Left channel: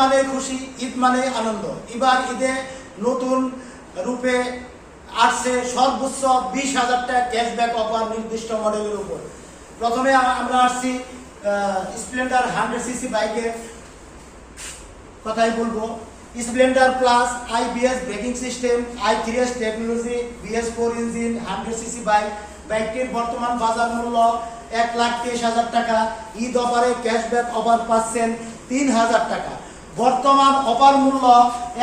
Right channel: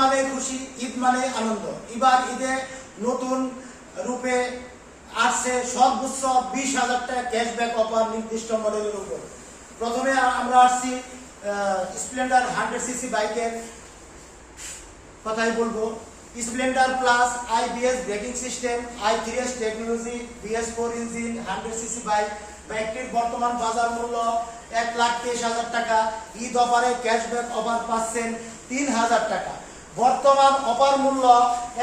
মানে খুশি, ঈদ মানে আনন্দ। এবার ঈদে নতুন রূপে আসছে সর্বোচ্চ 20,000 টাকা ক্যাশব্যাক অফার নির্দিষ্ট মডেলের উপর। প্রথমে আমরা আসছি স্প্লেন্ডার 100cc বাইকের কথাই বলবো। Splendor plus IBS braking system, i3S technology, BS4 engine, 100cc বাইকটির বর্তমান বাজার মূল্য 1,23,000 টাকা। ঈদ অফারে ক্যাশব্যাক অফার পাচ্ছেন 3,000 টাকা। বর্তমান অফার মূল্য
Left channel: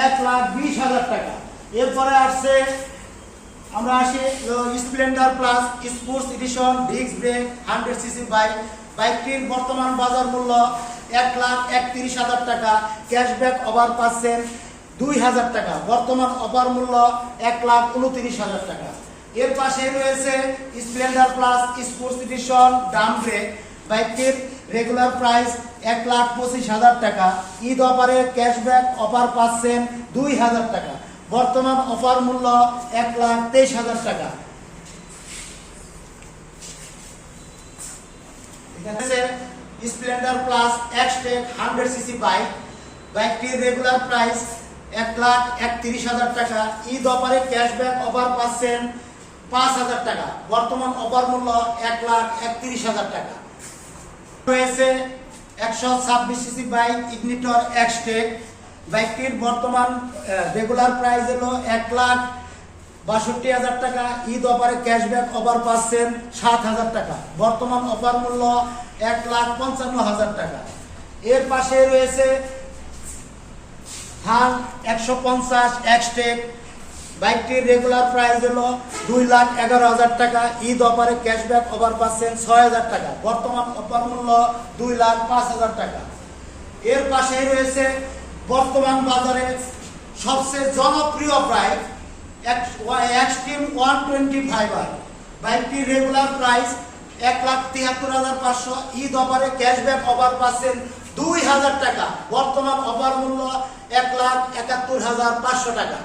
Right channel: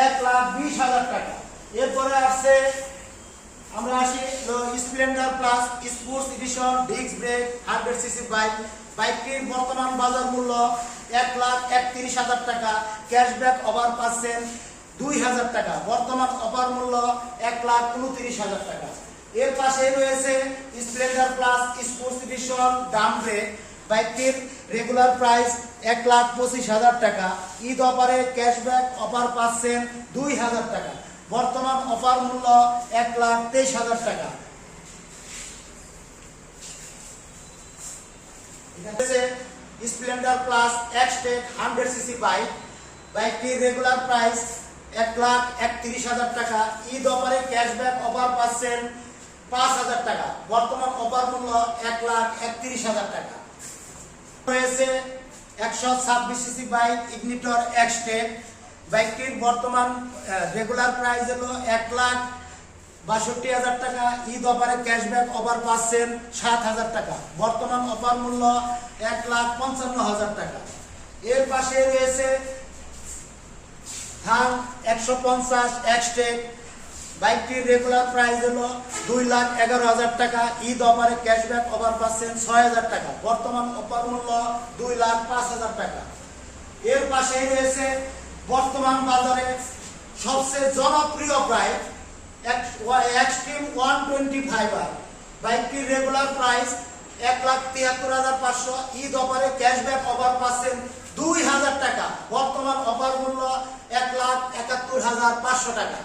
1,20,000 টাকা। এরপরে আসছে আমরা আসি Splendor plus sports edition disc brake 100cc বাইকটির বর্তমান বাজার মূল্য 1,31,000 টাকা। ক্যাশব্যাক অফার পাচ্ছেন 2,000 টাকা। বর্তমান অফার মূল্য 1,29,000 টাকা। এর পাশে রয়েছে Splendor plus sports edition Dam break বাইকটির রেগুলার প্রাইস 1,25,000 টাকা। ঈদ অফারে ক্যাশব্যাক অফার পাচ্ছেন 2,000 টাকা। বর্তমান অফার মূল্য 1,23,000 টাকা। স্প্লেন্ডার প্লাস এক্সটেক 100cc বাইকটির রেগুলার প্রাইস 1,31,000 টাকা। ঈদ অফারে ক্যাশব্যাক অফার পাচ্ছেন 5,000 টাকা। বর্তমান অফার মূল্য 1,31,000 টাকা। রয়েছে 126cc বাইক ইগনিটর এক্সটেক বাইকটির বর্তমান রেগুলার প্রাইস হলো 1,62,000 টাকা। ঈদ অফারে ক্যাশব্যাক অফার পাচ্ছেন 7,000 টাকা। বর্তমান অফার মূল্য 1,55,000 টাকা। এর পাশে রয়েছে হাং 150 এক্সটেক বাইকটির রেগুলার প্রাইস হলো 2,11,000 টাকা। ঈদ অফারে ক্যাশব্যাক অফার পাচ্ছেন 6,000 টাকা। বর্তমান অফার মূল্য 2,05,000 টাকা। এর পাশে রয়েছে বর্তমান বাজারে সবচেয়ে জনপ্রিয় বাইক এক্সট্রিম 125 বাইকটির রেগুলার প্রাইস 1,73,500। ঈদ অফারে ক্যাশব্যাক অফার পাচ্ছেন 2,000 টাকা। বর্তমান অফার মূল্য 1,71,500 টাকা।